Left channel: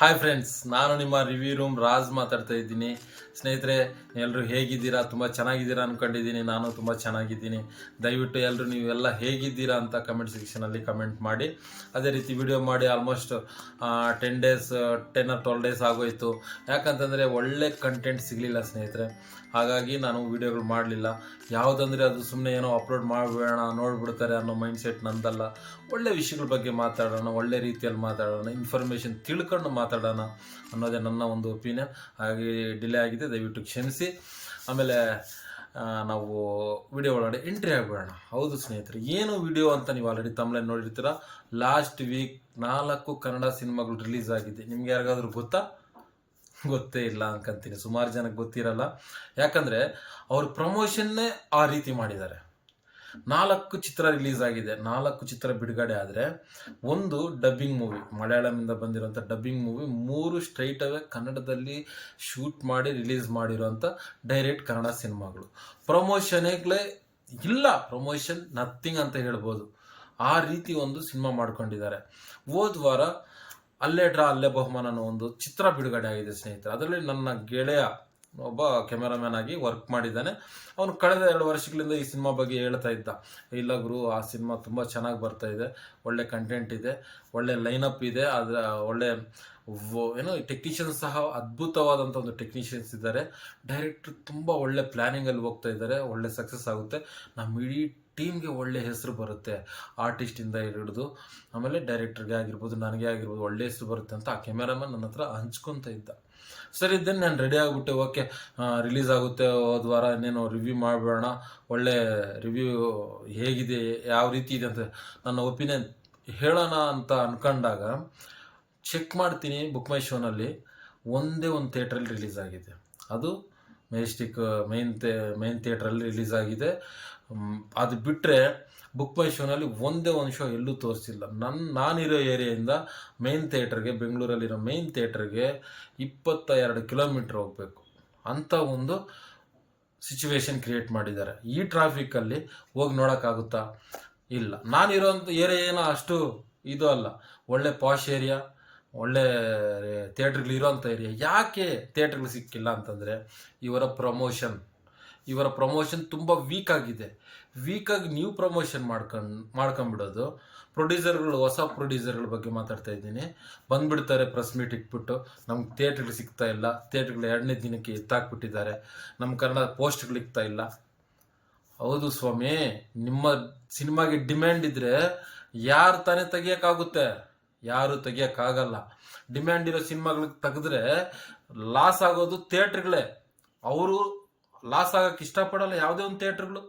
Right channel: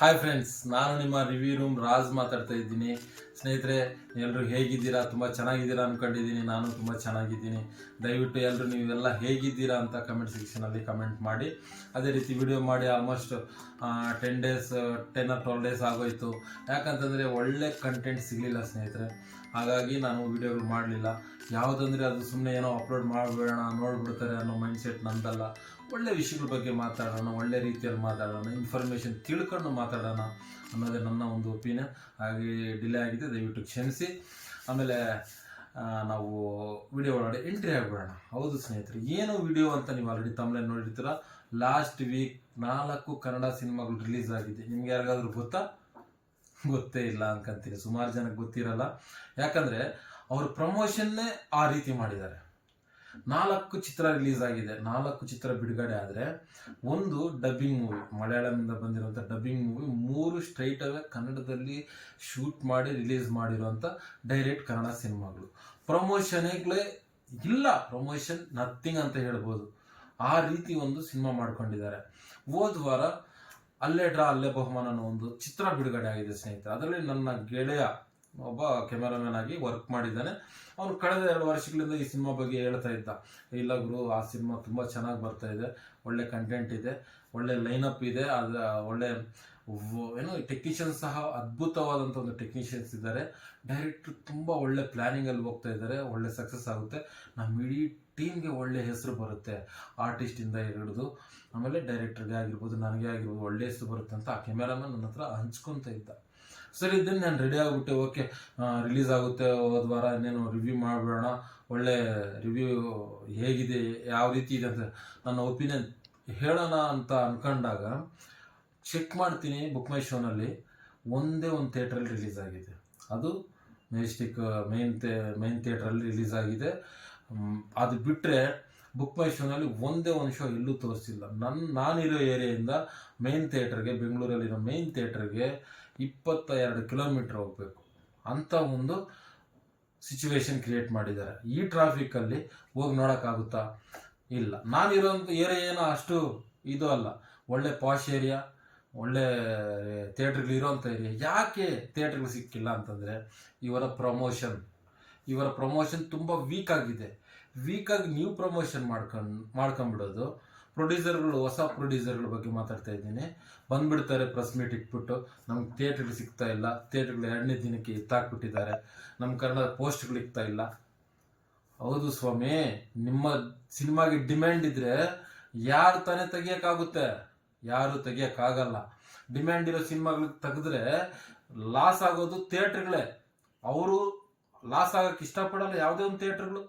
Hi friends ನಾನು ನಿಮ್ಮ review room Raj ಮಾತಾಡ್ತಾ ಇದ್ದೀನಿ. ಸ್ನೇಹಿತರೆ ಎಲ್ಲರೂ ಹೇಗಿದ್ದೀರಾ? ತುಂಬ ಚೆನ್ನಾಗಿದ್ದೀರಾ ಅಂದ್ಕೊಂಡಿದ್ದೀನಿ ನಾನು ತುಂಬ ಚೆನ್ನಾಗಿದ್ದೀನಿ. ದಯವಿಟ್ಟು ಎಲ್ಲರೂ ನೀವೆಲ್ಲ ಹೇಗಿದ್ದೀರಾ ಅಂತ ಕಮೆಂಟ್ ಸೆಕ್ಷನಲ್ಲಿ ಕಮೆಂಟ್ ಮಾಡಿ. ಅದೇ ರೀತಿ ವಿಡಿಯೋ ಮಾಡಿ almost ten days ten or twelve days ಆಗೋಯಿತು. ಯಾಕಂತಂದರೆ ಒಳ್ಳೆ ಕಂಟೆಂಟ್ ಸಿಗಲಿಲ್ಲ ಸ್ನೇಹಿತರೆ. ಹಾಗಾಗಿ ನಾನು ವೀಡಿಯೋಗಳು ಮಾಡಲಿಲ್ಲ. ಯಾವುದಂದರೆ ಅದು ಸುಮ್ಮನೆ ಏನೋ ಅಪ್ಲೋಡ್ ಮಾಡಬೇಡ ನೋಡ್ಬಿಡ್ತಾರೆ ಅನ್ನೋ ಮೈಂಡ್ಸೆಟ್ ನಂದಲ್ಲ. ಒಳ್ಳೆ ವಿಷಯಗಳ ಬಗ್ಗೆ ಮಾತಾಡೋಣ, ಒಳ್ಳೆ ರೀತಿಯಲ್ಲಿ ಮಾತಾಡೋಣ ಇನ್ಫಾರ್ಮೇಷನ್ ತಿಳ್ಕೊಂಡು ಮಾತಾಡೋಣ ಅನ್ನೋದೇ ನನ್ನ ಒಂದು ಒಪಿನಿಯನ್ ಹಾಗೆ ಡಿಲೇ ಆಗಿದೆ, ದಯವಿಟ್ಟು ಕ್ಷಮಿಸಿ. ಆಮೇಲೆ ನಾವು ವಿಡಿಯೋ ಒಳಗಡೆ ಎಂಟ್ರಿ ಆಗಿಬಿಡೋಣ ಹೌದು ಸ್ನೇಹಿತರೆ, ಏನು ವಿಡಿಯೋ ಅಂತ ನೀವು ಆಲ್ರೆಡಿ ತಮ್ಮಲ್ಲಿ ನೋಡಿರ್ತೀರ? ಲಾಸ್ಟ್ ವೀಕ್ ನಾಲ್ಕು ಕನ್ನಡ ಸಿನಿಮಾಗಳು ರಿಲೀಸ್ ಆಗಿದೆ. ನಿಮ್ಗೆ ಯಾರಿಗಾದ್ರೂ ಗೊತ್ತಾ? ಗೊತ್ತೇ ಇಲ್ಲ ಅನ್ಕೊಂತೀನಿ. ಸುಮಾರು ಜನಕ್ಕೆ ಗೊತ್ತಿರಲ್ಲ. ಯಾಕಂದ್ರೆ ಅವ್ರ ಪ್ರಮೋಷನ್ನೇ ಆ ರೀತಿ ಮಾಡಿದ್ದಾರೆ. ನಾಲ್ಕು ಚಿತ್ರ ರಿಲೀಸ್ ಆಗಿದೆ. ನಾಲ್ಕು ಚಿತ್ರ ಬಿಡುಗಡೆ ಆದರೆ ಒಂದು ಡಬ್ಬಿಂಗ್ ಮೂವಿ ಮಲಯಾಳಮಿಂದ ಬಂದಿರೋಂಥ ಡಬ್ಬಿಂಗ್ ಮೂವಿ ಮೂರು ಸ್ಟ್ರೈಟ್ ಅವೇ ಕನ್ನಡದಲ್ಲಿ ಶೂಟ್ ಮಾಡಿ ರಿಲೀಸ್ ಮಾಡಿರೋಂಥ ಡೈರೆಕ್ಟ್ ಕನ್ನಡ ಸಿನಿಮಾಗಳು. ಪ್ರಮೋಷನ್ಗಳೇ ಇಲ್ಲ. ಪ್ರಮೋಷನ್ ನಥಿಂಗ್ ಅಂತ ಹೇಳ್ಬೋದು. ಆ ರೀತಿ ಒಂದು ಸಿನಿಮಾ ಮಾಡ್ಕೊಂಡಿದ್ದಾರೆ. ಹೋದ ವಾರ ಅಲ್ಲೇ ಡ್ರಾ, ಅಲ್ಲೇ ಬಹುಮಾನ ಅನ್ನೋ ಒಂದು ಚಿತ್ರ ಬಿಡುಗಡೆ ಆಗಿದೆ, ಸ್ನೇಹಿತರೆ. ಅದರಲ್ಲಿ ನನ್ನ ಗೆಳೆಯ ಒಬ್ಬ ಕ್ಯಾಮೆರಾಮ್ಯಾನ್ ಆಗಿ ವರ್ಕ್ ಮಾಡಿದ್ದಾನೆ. ಅವನು ಕಳೆದ ಎರಡು ವರ್ಷಗಳಿಂದ ಈ ಸಿನಿಮಾ ಬಗ್ಗೆ ಹೇಳ್ತಾ ಇದ್ದ. ಇಲ್ಲ ಗುರು, ಆ ಸಿನಿಮಾ ತುಂಬ ಚೆನ್ನಾಗಿ ಬರ್ತಾ ಇದೆ. ಒಳ್ಳೆ ಕಂಟೆಂಟ್ ಇದೆ. ಒಳ್ಳೆ ಲೈನಪ್ ಇದೆ. ಅದರ ಒಳ್ಳೆ ಏನೋ ಟೆಕ್ನಿಷಿಯನ್ ಸಹ ಅದ್ಭುತವಾದಂಥ ಒಂದು ಟೆಕ್ನಿಷಿಯನ್ಸ್ ಇದ್ದಾರೆ. ಡೈರೆಕ್ಟ್ರ್ ತುಂಬ ಒಳ್ಳೆ ಪ್ಲ್ಯಾನಿಂಗಲ್ಲಿ ಹೋಗ್ತಾ ಇದ್ದಾರೆ, ಒಳ್ಳೆ ಸಕ್ಸಸ್ ಆಗುತ್ತೆ. ನಮ್ಮ ಇಡೀ ಟೀಮ್ಗೆ ಒಳ್ಳೆ ಹೆಸರು ಬರುತ್ತೆ ಆರ್ಟಿಸ್ಟಿಂದ ಹಿಡಿದು. ಆಮೇಲೆ ಡೈರೆಕ್ಟರ್ಗೆ ಆಗಿರ್ಬೋದು, ನನಗೆ ಆಗಿರ್ಬೋದು ಒಳ್ಳೆ ಹೆಸರು ಬರುತ್ತೆ ಅಂತ ಆ ಕ್ಯಾಮೆರಾಮನ್ ನನ್ನ ಹತ್ರ ಹಂಚ್ಕೊತ ಇದ್ದ. ಸರಿ ಇದ್ದೇನೆ ನಾನು ರೆಡಿ ಆಗಿಬಿಟ್ಟೆ. ಓಕೆ ರಿಲೀಸ್ ಆಗುತ್ತೆ, ಹೋದ ವಾರ ಇನ್ನೇನು ರಿವ್ಯೂ ಮಾಡಬೇಡ ಒಳ್ಳೆ ರಿವ್ಯೂ ಹೇಗಿದೆ, ಯಾವ ರೀತಿ ಇದೆ ಅಂತ ನನ್ನ ಒಪಿನಿಯನ್ ಹೇಳೋಣ ಅಂತ ಅನ್ಕೊಂಡಾಗ ಚೆಕ್ ಮಾಡ್ತೀನಿ ಬುಕ್ ಮೈ ಶೋನಲ್ಲಿ ಒಂದೇ ಒಂದು ಥಿಯೇಟ್ರಲ್ಲಿ ರಿಲೀಸ್ ಆಗಿದೆ. ಅದು ಮೆಜೆಸ್ಟಿಕ್ ಮೈನ್ ಥೇ ಮೈನ್ ಥಿಯೇಟ್ರಲ್ಲಿ ರಿಲೀಸ್ ಆಗಿದೆ. ಅದು ಬಿಟ್ಟರೆ ಬುಕ್ ಮೈ ಶೋನಲ್ಲಿ ಒಂದೇ ಒಂದು ಶೋ ಎಲ್ಲೂ ತೋರಿಸಿಲ್ಲ. ನನ್ನ ನಾನಿರೋ ಏರಿಯಾಯಿಂದ ಮೈನ್ ಥಿಯೇಟ್ರಿಗೆ ಬೆಂಗಳೂರಲ್ಲಿರೋ ಮೈನ್ ಥಿಯೇಟ್ರಿಗೆ ಇಪ್ಪತ್ತ ಎರಡು ಕಿಲೋಮೀಟ್ರ್ ಹೋಗಬೇಕು. ಅಂಥ ಒಂದು ಸಿಚುವೇಶನ್ ಕ್ರಿಯೇಟ್ ಮಾಡಿದ್ದಾರೆ. ಈ ಟ್ರಾಫಿಕ್ಕಲ್ಲಿ ಹೋಗಿ ನೋಡೋಕ್ಕಾಗುತ್ತಾ? ಇಲ್ಲ. ನಾನಿರೋಂಥ ಏರಿಯಾ ಏನೋ ಅಷ್ಟು ಇದು ಅಲ್ಲ. ಒಳ್ಳೆ ಪಾಶ್ ಏರಿಯಾ ಒಳ್ಳೆ ಥಿಯೇಟ್ರ್ಗಳು ಇರೋಂಥ ಏರಿಯಾ. ಯಾಕೆ ಥಿಯೇಟ್ರ್ಗಳು ಸಿಕ್ಕಿಲ್ಲ ಅಂತಂದರೆ, ಇವರ ಪ್ರಮೋಷನ್. ಇವರ ಪ್ರಮೋಷನ್ ತುಂಬ ವೀಕ್ ಆಗಿದೆ. ವೀಕಾಗಿ ನೀವು ಪ್ರಮೋಷನ್ ಮಾಡ್ಕೊಂಡು, ಮಾಡ್ಕೊಂಬಿಡೋದು. ಪ್ರೊಡ್ಯೂಸರ್ಗಳು, ಹೊಸ ಪ್ರೊಡ್ಯೂಸರ್ಗಳ ಬಗ್ಗೆ ಮಾತಾಡ್ತಾ ಇದ್ದೀನಿ. ಬಂದ್ಬಿಡ್ತಾರೆ ಪ್ರೆಸ್ ಮೀಟ್ ಇಟ್ಬಿಟ್ಟು. ನಮ್ಗೆ ಥಿಯೇಟ್ರ್ಗಳು ಸಿಗ್ತಾ ಇಲ್ಲ. ಥಿಯೇಟ್ರ್ಗಳು ಎರಡನೇ ದಿನಕ್ಕೆ ಎತ್ತಾಕ್ಬಿಟ್ಟಿದ್ದಾರೆ. ನಮ್ಮ ಕನ್ನಡ ಪೋಸ್ಟ್ಗಳು ಇಕ್ತಾ ಇಲ್ಲ. ಹೌದು ಸ್ವಾಮಿ, ನಿಮ್ಮ ಸಿನಿಮಾಗೆ ಡಿಮ್ಯಾಂಡ್ ಇದ್ರೆ ಯಾರು ತಾನೇ ತೆಗಿಯೋಕ್ಕಾಗುತ್ತೆ? ಯಾರು ತೆಗಿಯೋಕ್ಕಾಗಲ್ಲ. ಡಿಮ್ಯಾಂಡ್ ಇರೋ ಸಿನಿಮಾಗಳಿಗೆ ತೆಗೆದ್ರೆ ಲಾಸ್ ಆಗೋದು ಥಿಯೇಟ್ರ್ಗಳೇ ಅವರು ಲಾಸ್ ಆಗಕ್ಕೆ ಇಷ್ಟಪಡಲ್ಲ ಯಾವುದೇ ಒಂದು ಥಿಯೇಟ್ರ್ಗಳು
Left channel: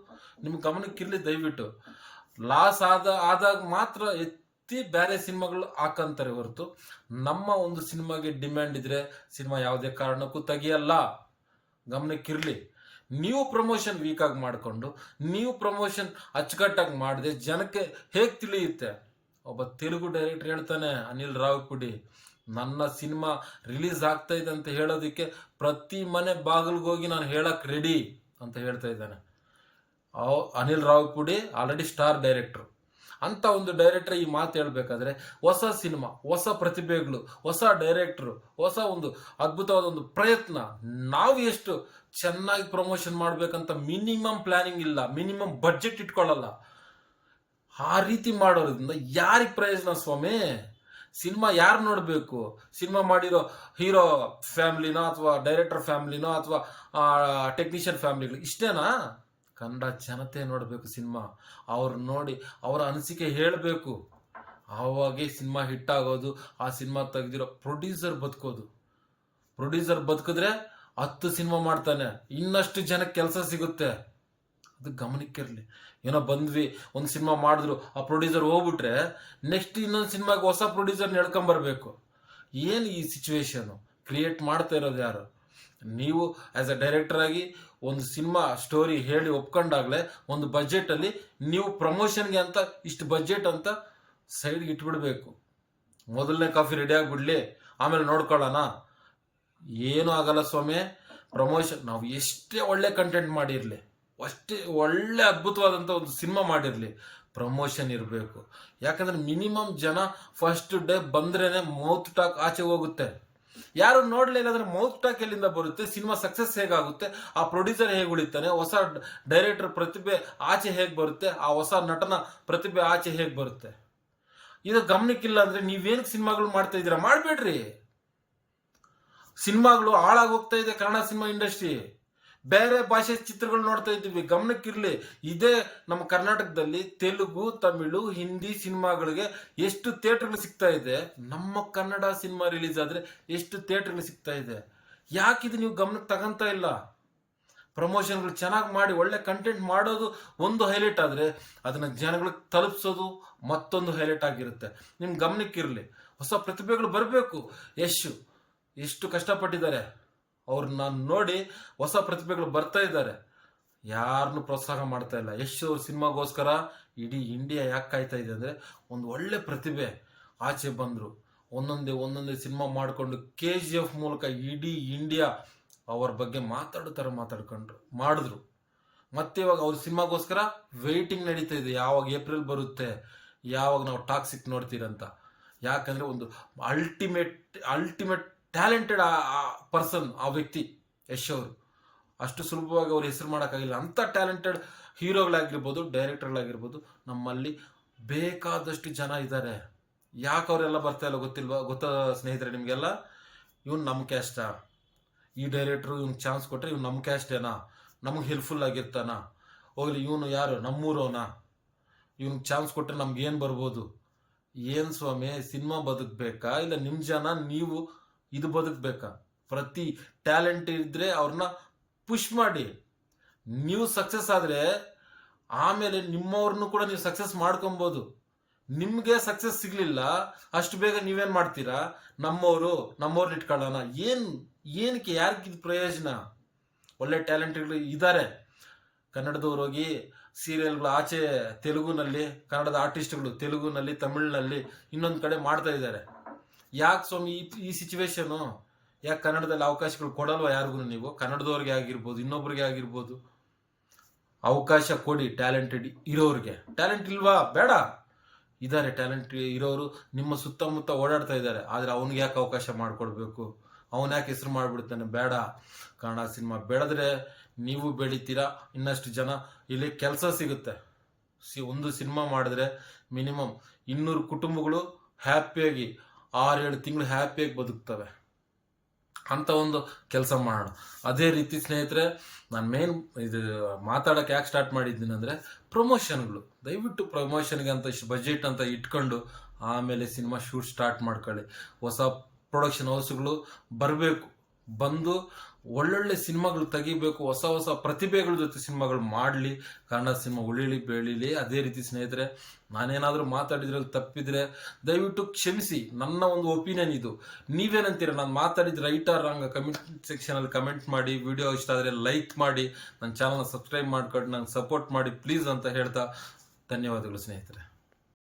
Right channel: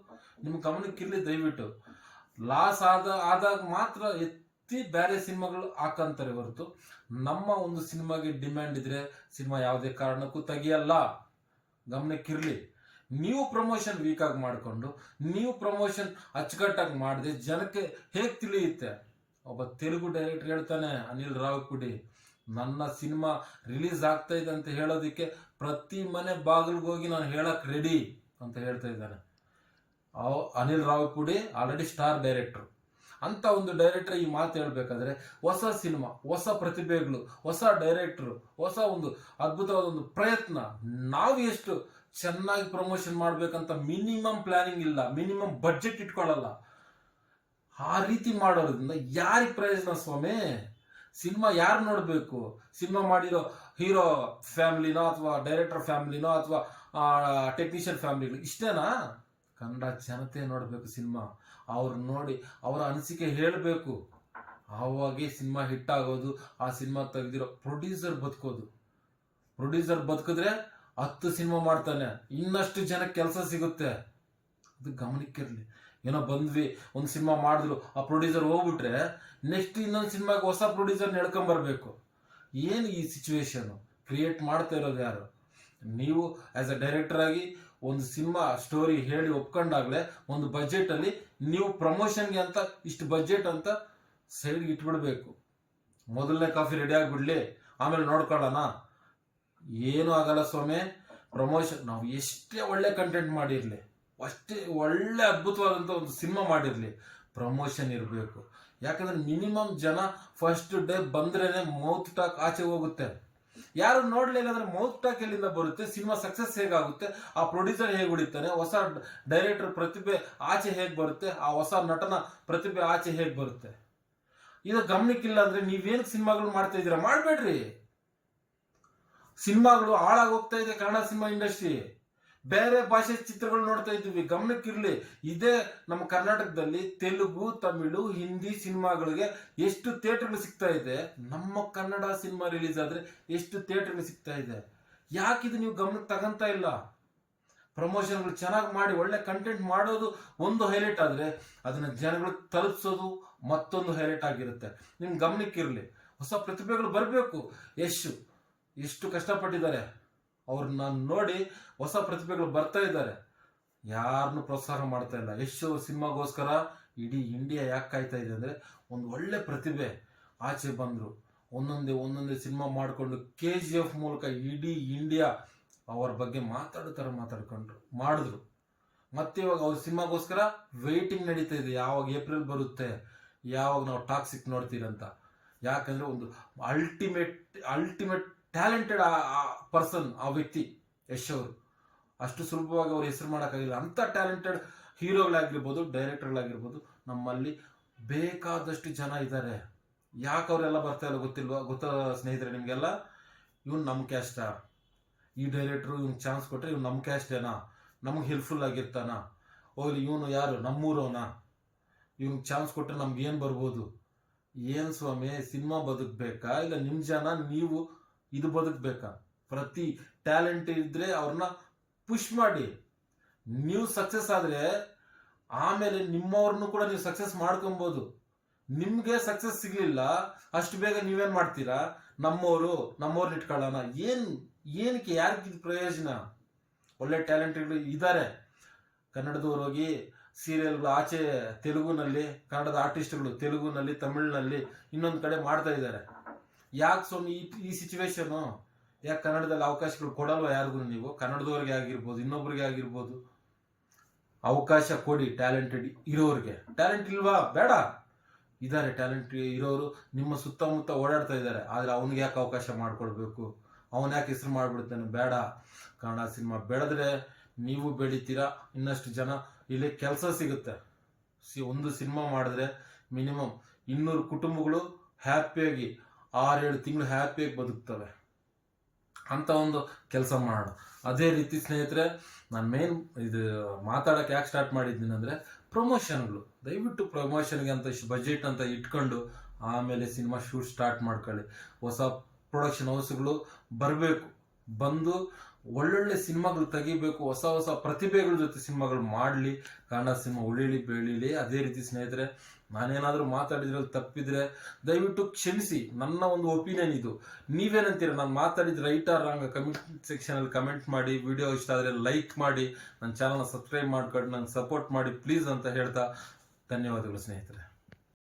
ನಿಮ್ಮ ಗಮನಕ್ಕಿರಲಿ ದಯವಿಟ್ಟು. ಲಾಸ್ ಆದ, ಆದಾಗ ಮಾತ್ರ ಎತ್ತಿ ಬೇರೆ ಸಿನಿಮಾಗಳು ಹಾಕಂತಾರೆ ಹೊರತು. ನಮ್ಮ ಒಂದು ಸಿನಿಮಾಗೆ ಡಿಮ್ಯಾಂಡ್ ಇದ್ರೆ ಸಿನಿಮಾ ಯಾವುದೇ ಕಾರಣಕ್ಕೂ ತೆಗಿಯಲ್ಲ. ಗಮನಕ್ಕಿರಲಿ. ನೀವು ಪ್ರಮೋಷನ್ ವೀಕಾಗಿ ಮಾಡಿಕೊಂಡು, ನೀವು ಪ್ರಮೋಷನ್ ಅಚ್ಚುಕಟ್ಟಾಗಿ ಮಾಡಿದೆ ಜನಕ್ಕೆ ಹೇಗೆ ತಿಳಿಯುತ್ತೆ? ಒಬ್ಬ ತೆಲುಗು ಡೈರೆಕ್ಟರ್ ಹೇಳ್ತಾನೆ, ಅನಿಲ್ ರಾವ್ ಪುಡಿ ನನ್ನ ಸಿನಿಮಾ ರಿಲೀಸ್ ಆಗ್ತಾ ಇದೆ ಅಂತ ಹೇಳೋದಕ್ಕೆ ಪ್ರತಿ ಮನೆ ಬಾಗಿಲಿಗೆ ಹೋಗಿ ನಾನು ಹೇಳಕ್ ರೆಡಿ ಅಂತ ಹೇಳ್ತಾ ಇದ್ದಾನೆ. Anil Anil Ravipudi already star director ಅಂತ ಒಂದು ಡೈರೆಕ್ಟರ್ ಈ ಮಾತು ಹೇಳ್ಬೇಕಾದ್ರೆ ಹೊಸ ಸಿನಿಮಾ, ಹೊಸ ಪ್ರತಿಭೆಗಳು, ಹೊಸ ಡೈರೆಕ್ಟ್ರು ಹೊಸ ಒಂದು ಅದ್ಭುತವಾದ ಒಂದು ಪ್ರಯತ್ನ. ನಾವು ಎಷ್ಟು ಚೆನ್ನಾಗಿ ಪ್ರಮೋಷನ್ ಮಾಡಬೇಕಂತ ಮಿನಿಮಮ್ ಪ್ಲಾನಿಂಗ್ ಇಲ್ಲ ಮಿನಿಮಮ್ ಬಜೆಟ್ ಇಟ್ಕೊಳ್ಳಲ್ಲ. ಆ ರೀತಿ ಮಾಡೋದ್ರಿಂದ ಯಾರಿಗೆ ಪ್ರಯೋಜನ ಸ್ವಾಮಿ? ಸಿನಿಮಾ ಯಾರು ನೋಡಬೇಕು? ಸಿನಿಮಾ ಮಾಡಿರೋ ಹೀರೋ ಫ್ಯಾಮಿಲಿನೋ ಅಥವಾ ಡೈರೆಕ್ಟರ್ ಫ್ಯಾಮಿಲಿನೋ ಅಥವಾ ಟೆಕ್ನಿಷಿಯನ್ ಫ್ಯಾಮಿಲಿಗಳು ಇಷ್ಟೇನಾ? ಕನ್ನಡ ಜನತೆ ನೋಡಬೇಕು ಸಿನಿಮಾ. ಅವ್ರು ನೋಡಿ, ಅವರ ಅನಿಸಿಕೆ ಹೇಳಬೇಕು. ಆವಾಗೆ ಸಿನಿಮಾ ಹಿಟ್ ಆಗೋದು, ಆ ಸಿನಿಮಾ ತೆಗೆದಿರೋ ಪ್ರೊಡ್ಯೂಸರ್ ಬದುಕೋದು. ಪ್ರೊಡ್ಯೂಸರ್ ಬದುಕಿದ್ರೆ ಹತ್ತು ಸಿನಿಮಾ ಮಾಡ್ತಾನೆ. ಇನ್ನಷ್ಟು ಜನಕ್ಕೆ ಕೆಲಸ ಸಿಗುತ್ತೆ. ಅದು ಗಮನಕ್ಕಿರಲಿ ಏನೋ ಬಂದ್ವಿ, ಒಂದು ಸಿನಿಮಾ ಮಾಡಿದ್ರು, ಆ ಪ್ರೊಡ್ಯೂಸರ್ ಹೋಗ್ಬಿಟ್ರೆ ನೆಕ್ಸ್ಟ್ ಇನ್ನೊಂದು ಸಿನಿಮಾಗೆ ಹೊಸ ಪ್ರೊಡ್ಯೂಸರ್ ನಡ್ಕೊಂಬರ್ಬೇಕು ಏನು ಈ ಸಿಚುವೇಶನು ಕ್ರಿಯೇಟ್ ಮಾಡ್ತಾ ಇರೋದು ಯಾರು? ನೀವು ಆ್ಯಸ್ ಅ ಡೈರೆಕ್ಟರ್ ಆಗಿ ಒಂದು ಸಿನಿಮಾ ಸ್ಟೋರಿ ಹೇಳಿ ಒಪ್ಕೊಂಡಾಗಲೇ ಒಂದು ಬಜೆಟಲ್ಲಿ ನೀವು ಪ್ರಮೋಷನ್ಗೆ ಅಂತ ಇಷ್ಟು ಬಜೆಟ್ ಅಂತ ಸೈಡ್ಗೆ ಇಟ್ಬಿಡ್ಬೇಕು. ಮೊದಲನೇ ಕಾಫಿ ರೆಡಿ ಆಗಿಬಿಡ್ಲಿ, ಆಮೇಲೆ ನೋಡ್ಕೊಳ್ಳೋಣ. ಏನೂ ಆಗಲ್ಲ ಸ್ವಾಮಿ ಪ್ರಮೋಷನ್ ನಾವು ಎಷ್ಟೇ ಒಳ್ಳೆ ಕಂಟೆಂಟ್ ಮಾಡಿರಲಿ. ಅಷ್ಟೇ ಒಳ್ಳೆ ಅದ್ಭುತವಾದಂಥ ಒಂದು ಸಿನಿಮಾ ಮಾಡಿರಲಿ. ಪ್ರಮೋಷನ್ ಇರಬೇಕು. ಯಾಕಂದ್ರೆ ಮಿನಿಮಮ್ ಜನ ಫಸ್ಟ್ ಡೇ ಬಂದ್ರೇ ಮೌತ್ ಟಾಕ್ ಆಚೆ ಹೋಗುತ್ತೆ. ಯಾರು ನೋಡಲಿಲ್ಲ ಅಂದ್ರೆ ಮೌತ್ ಟಾಕ್ ಎಲ್ಲಿಂದ ಬರುತ್ತೆ? ಸಿನಿಮಾ ಸಕ್ಸಸ್ ಹೇಗಾಗುತ್ತೆ? ಆ ಪ್ರೊಡ್ಯೂಸರ್ ಹೇಗೆ ಉಳಿತಾನೆ? ಹೊಸ ಡೈರೆಕ್ಟರ್ ಪ್ರತಿಭೆ ಆಚೆ ಹೇಗೆ ಬರುತ್ತೆ? ಆ ಹೊಸ ನಟನ ಪ್ರತಿಭೆ ಆಚೆ ಹೇಗೆ ಬರುತ್ತೆ? ಇದು ಗಮನಕ್ಕಿಲ್ಲ ಅಂದ್ರೆ ನೀವೇನಕ್ಕೆ ಸಿನಿಮಾಗಳು ಮಾಡ್ತಾ ಇದ್ದೀರಾ? ಮಾಡಬೇಡ್ರಿ. ಸಿನಿಮಾಗಳು ಹಾಳಾಗಿ ಹೋಗ್ತಾ ಇದೆ ಕನ್ನಡ ಸಿನಿಮಾ ಇಂಡಸ್ಟ್ರಿ ಬೇರೆ ಭಾಷೆ ಚಿತ್ರಗಳು ನೋಡ್ತಾ ಇದ್ದೀವಿ. ಗಮನಕ್ಕಿರಲಿ, ಇದೇ ನಮ್ಮ ಕರ್ನಾಟಕದಲ್ಲಿ ತೆಲುಗು, ತಮಿಳು, ಹಿಂದಿ ಸಿನಿಮಾಗಳಿಗೆ ಎಷ್ಟು ಥಿಯೇಟರ್ಗಳು ಸಿಗ್ತಾ ಇದೆ. ನಮ್ಮ ಕನ್ನಡ ಸಿನಿಮಾ ರಿಲೀಸ್ ಆದ್ರೆ ಎಷ್ಟು ಥಿಯೇಟರ್ಗಳು ಸಿಗ್ತಾ ಇದೆ. ಯಾಕಿದು ನೀವು ಗಮನಕ್ಕೆ ತಗಂತ ಇಲ್ಲ? ಪ್ರಮೋಷನ್ಗಳು ಚೆನ್ನಾಗಿ ಮಾಡಿ, ಒಳ್ಳೆ ಕಂಟೆಂಟ್ ಮಾಡೋದು ಒಂದು ಹೈಲೈಟ್ ಆದರೆ ಅದನ್ನ ಜನಗಳಿಗೆ ತಲುಪಿಸೋದು ಮತ್ತೊಂದು ಹೈಲೈಟ್ ಆಗಿರುತ್ತೆ. ನಿಮ್ಮ ಗಮನಕ್ಕಿರಲಿ, ಹೊಸ ಪ್ರತಿಭೆಗಳು ಬರಬೇಕು. ಯಶ್, ಎಷ್ಟು ಕಷ್ಟಪಟ್ಟಿದ್ದಾರೆ. ಅವ್ರನ್ನ ನೋಡಿ ಹೊಸ ಪ್ರತಿಭೆಗಳು ಬರ್ತಾ ಇದ್ದಾರೆ. ಯಾರನ್ನು ಪ್ರೋತ್ಸಾಹ ಮಾಡ್ತಾ ಇಲ್ಲ. ಅವ್ರ ಸಿನಿಮಾಗೋಸ್ಕರ ಇಡೀ ಇಂಡಿಯಾ ಯಾಕೆ ಕಾಯ್ತಾ ಇದೆ ಅಂದರೆ ಒಂದು ಒಳ್ಳೆ ಪ್ರತಿಭೆ ಆಚೆ ಬಂದರು. ಒಂದೊಂದೇ ಒಂದೊಂದೇ ಸಿನಿಮಾ ಮಾಡಿಕೊಂಡು ಕೆ ಜಿ ಎಫ್ ಮೂಲಕ ಇಡೀ ಇಂಡಿಯಾ ಅವ್ರ ಬಗ್ಗೆ ಮಾತಾಡೋ ಮಾತಾಡ್ಕೊಂಡ್ರು, ಮಾಡಿದ್ರು. ಮತ್ತೆ ಇವಾಗ ಅವ್ರ ಸಿನಿಮಾಗೋಸ್ಕರ ವೆಯ್ಟಿಂಗ್ ನಡೀತಾ ಇದೆ. ಯಾವಾಗ ಏಪ್ರಿಲ್ ಬರುತ್ತೆ, ಯಾವಾಗ ನಾವು ಟಾಕ್ಸಿಕ್ ನೋಡ್ತೀರಂತ. ಯಾಕಂದ್ರೆ ಒಂದು ಅಲ್ಟಿಮೇಟ್ ಅಲ್ಟಿಮೇಟ್ ಟ್ಯಾಲೆಂಟೆಡ್ ಆ ಪರ್ಸನ್, ಆ ವ್ಯಕ್ತಿ, ಯಶ್ ಅವರು. ಅಷ್ಟು ಸುಲಭವಾಗಿ ಅವ್ರ ಹೆಸರು ಮಾಡೋಕ್ಕಾಗಿಲ್ಲ. ಅಂಥ ಟ್ಯಾಲೆಂಟೆಡ್ ಹೀರೋಗಳಾಗಿರ್ಬೋದು, ಡೈರೆಕ್ಟರ್ಗಳಾಗಿರ್ಬೋದು, ನಮ್ಮಲ್ಲಿ ಬೇಕಾದಷ್ಟು ಜನ ಇದ್ದಾರೆ. ಯಾಕೆ ಅವರೆಲ್ಲ ಬರ್ತಾ ಇಲ್ಲ ಗೊತ್ತಿಲ್ವಾ? ಗೊತ್ತಾ ಸ್ನೇಹಿತರೆ ನಿಮಗೆಲ್ಲ? ಇವ್ನು ನಮ್ಮ ಕ್ಯಾಸ್ಟಾ ಈ ಡೈರೆಕ್ಟ್ರು ಇವ್ನು ಚಾನ್ಸ್ ಕೊಟ್ಟರೆ ಇವ್ನು ನಮ್ಮ ಕ್ಯಾಸ್ಟೇನಾ ನಮಗೆ ಹೆಲ್ಪ್ಫುಲ್ ಆಗಿರ್ತಾನ? ಹೋಗ್ಲಿ, ಇವನು ಯಾರು? ನಮ್ಮೂರವನ? ಇವ್ನಿಗೆ ಚಾನ್ಸ್ ಕೊಟ್ಟರೆ ನಮ್ಗೆ ಏನು ಬರ್ಬೋದು? ಏನು ಸ್ವಾಮಿ, ಸಿನಿಮಾ ಬದುಕಬೇಕಾ? ಇಲ್ಲ ನಿಮ್ಮ ಜನ, ನೀವು ಇದು ಬದುಕಬೇಕಾ? ಪ್ರತಿ ಟ್ಯಾಲೆಂಟ್ ಇದ್ರೆ ಅವ್ರನ್ನ ಪುಷ್ ಮಾಡಿ. ನೀವು ಸಕ್ಸಸ್ ಆದರೆ ಆಮೇಲೆ ನಿಮ್ಮವ್ರನ್ನು ಕೂಡ ನೀವು ಸಕ್ಸಸ್ ಮಾಡ್ಕೊಬೋದು. ನಿಮಗೆ ಸಕ್ಸಸ್ ಸಿಗಲಿಲ್ಲ, ಅಷ್ಟು ಬೇಗ ನೀವೇನು ಮಾಡ್ತೀರಾ? ನಮ್ಮವರು ನಮ್ಮವ್ರನ್ನ ಇಟ್ಕೊಳ್ಳೋಣ. ಏನು, ಏನಕ್ಕೆ ಯಾರಿಗೆ ಪ್ರಯೋಜನ? ಒಳ್ಳೆ ಟ್ಯಾಲೆಂಟ್ಗಳು ಇದ್ದಾರೆ ಕನ್ನಡದವ್ರು ಹೋಗಿ ಸೀರಿಯಲ್ಗಳು ಆಚೆ ತೆಲುಗುನಲ್ಲಿ, ಕನ್ನಡದ ಆರ್ಟಿಸ್ಟ್ಗಳು ತೆಲುಗುನಲ್ಲಿ, ತಮಿಳಿನಲ್ಲಿ ಇನ್ನೊಂದು ಕಡೆ ಮಾಡ್ತಾ ಇದ್ದಾರೆ ಯಾಕೆ ಸ್ವಾಮಿ, ಈ ಸಿಚುವೇಶನು ಯಾಕೆ ಕನ್ನಡದಲ್ಲಿ ಅವಕಾಶಗಳು ಕೊಡಲ್ವಾ ಯಾರಿಗೂ ನೀವು? ಕನ್ನಡದವ್ರಿಗೆ ಆಗಿರ್ಬೋದು, ಇನ್ನೊಬ್ರಿಗೆ ಆಗಿರ್ಬೋದು. ಅವಕಾಶ ಕೊಡಿ ಟ್ಯಾಲೆಂಟೆಡ್ ಇರೋರಿಗೆ. ಟ್ಯಾಲೆಂಟ್ ಇಲ್ವಾ? ಬೇಡ. ಇದ್ದಾರೆ ಟ್ಯಾಲೆಂಟ್ ಇರೋರು. ನಿಮ್ಮ ಸುತ್ತಮುತ್ತ ಓಡಾಡ್ತಾ ಇದ್ದಾರೆ ಆದರೆ ಅವನಿಗೆ ಯಾಕೆ ಅವಕಾಶ ಮಾಡಿಕೊಡ್ಬೇಕು? ಅವನ ಯಾಕೆ ಹೆಸರು ಮಾಡಿಬಿಡ್ತಾನೆ? ಬೇಡ. ಕನ್ನಡ ಸಿನಿಮಾ ಬೆಳೆದ್ರೆ ನೀವು ಬೆಳಿತೀರಾ? ಇನ್ನಷ್ಟು ಜನ ಇಲ್ಲಿ ಕೆಲಸ ಸಿಗುತ್ತೆ. ಸಿ ಒಂದು ಸಿನಿಮಾ ಮಾಡಿದ್ರೆ ಮಿನಿಮಮ್ ಇನ್ನೂರು ಕುಟುಂಬಗಳು ಹ್ಯಾಪಿಯಾಗಿ ಆರೇಳು ತಿಂಗಳು ಹ್ಯಾಪಿಯಾಗಿ ಬದುಕ್ತವೆ. ಅಂತ ಒಂದು ಕೆಲಸ ಮಾಡೋಣ ಅದೇ ರೀತಿ ಸ್ನೇಹಿತರೆ, ನಾನು ಮೇನ್ ಇದು ಮಾತಾಡೋಕೆ ಯಾಕೆ ಸ್ಟಾರ್ಟ್ ಮಾಡಿದ್ದೀನಿ ಅಂದರೆ ಪ್ರಮೋಷನ್ಗಳು ದಯವಿಟ್ಟು ಪ್ರಮೋಷನ್ಗೆ ಅಂತ ಇಷ್ಟು ಬಜೆಟ್ ಅಂತ ಇಟ್ಕೊಂಡು ಆಮೇಲೆ ಸಿನಿಮಾ ಶೂಟ್ ಸ್ಟಾರ್ಟ್ ಮಾಡ್ಕೊಳ್ಳಿ. ಹೊಸ ಪ್ರೊಡಕ್ಷನ್ ಹೌಸ್ಗಳು ಬರಬೇಕು. ಬಂದು ಒಳ್ಳೊಳ್ಳೆ ಸಿನಿಮಾಗಳು ತೆಗಿಬೇಕು, ಹೊಸ ಹೊಸ ಪ್ರತಿಭೆಗಳ ಜೊತೆ ಸಿನಿಮಾಗಳು ಮಾಡಲಿ. ಕನ್ನಡ ಸಿನಿಮಾ ಉಳಿಲಿ, ಬೆಳೀಲಿ. ಅದೇ ರೀತಿ ಸ್ನೇಹಿತರೆ, ನಾನೇನಾದರೂ ಮಾತಾಡಿದ್ರಲ್ಲಿ ತಪ್ಪಿದ್ರೆ ದಯವಿಟ್ಟು ಕ್ಷಮಿಸಿ. ನನ್ನ ಒಂದು ಒಪಿನಿಯನ್ ಇದು. ನೀವೇನಂತೀರ? ನಾನು ಮಾತಾಡಿದ ರೈಟ್ ಆರ್ ರಾಂಗ್ ಕಮೆಂಟ್ ಸೆಕ್ಷನಲ್ಲಿ ಕಮೆಂಟ್ ಮಾಡಿ, ವಿಡಿಯೋ ಇಷ್ಟ ಆದರೆ ಲೈಕ್ ಮಾಡಿ, ನನ್ನ ಚಾನಲ್ನ ಸಬ್ಸ್ಕ್ರೈಬ್ ಮಾಡ್ಕೊಂಡು ನಂಗೆ ಸಪೋರ್ಟ್ ಮಾಡಿ ಪ್ಲೀಸ್ ಅಂತ ಹೇಳ್ತಾ ಧನ್ಯವಾದಗಳು ಸ್ನೇಹಿತರೆ.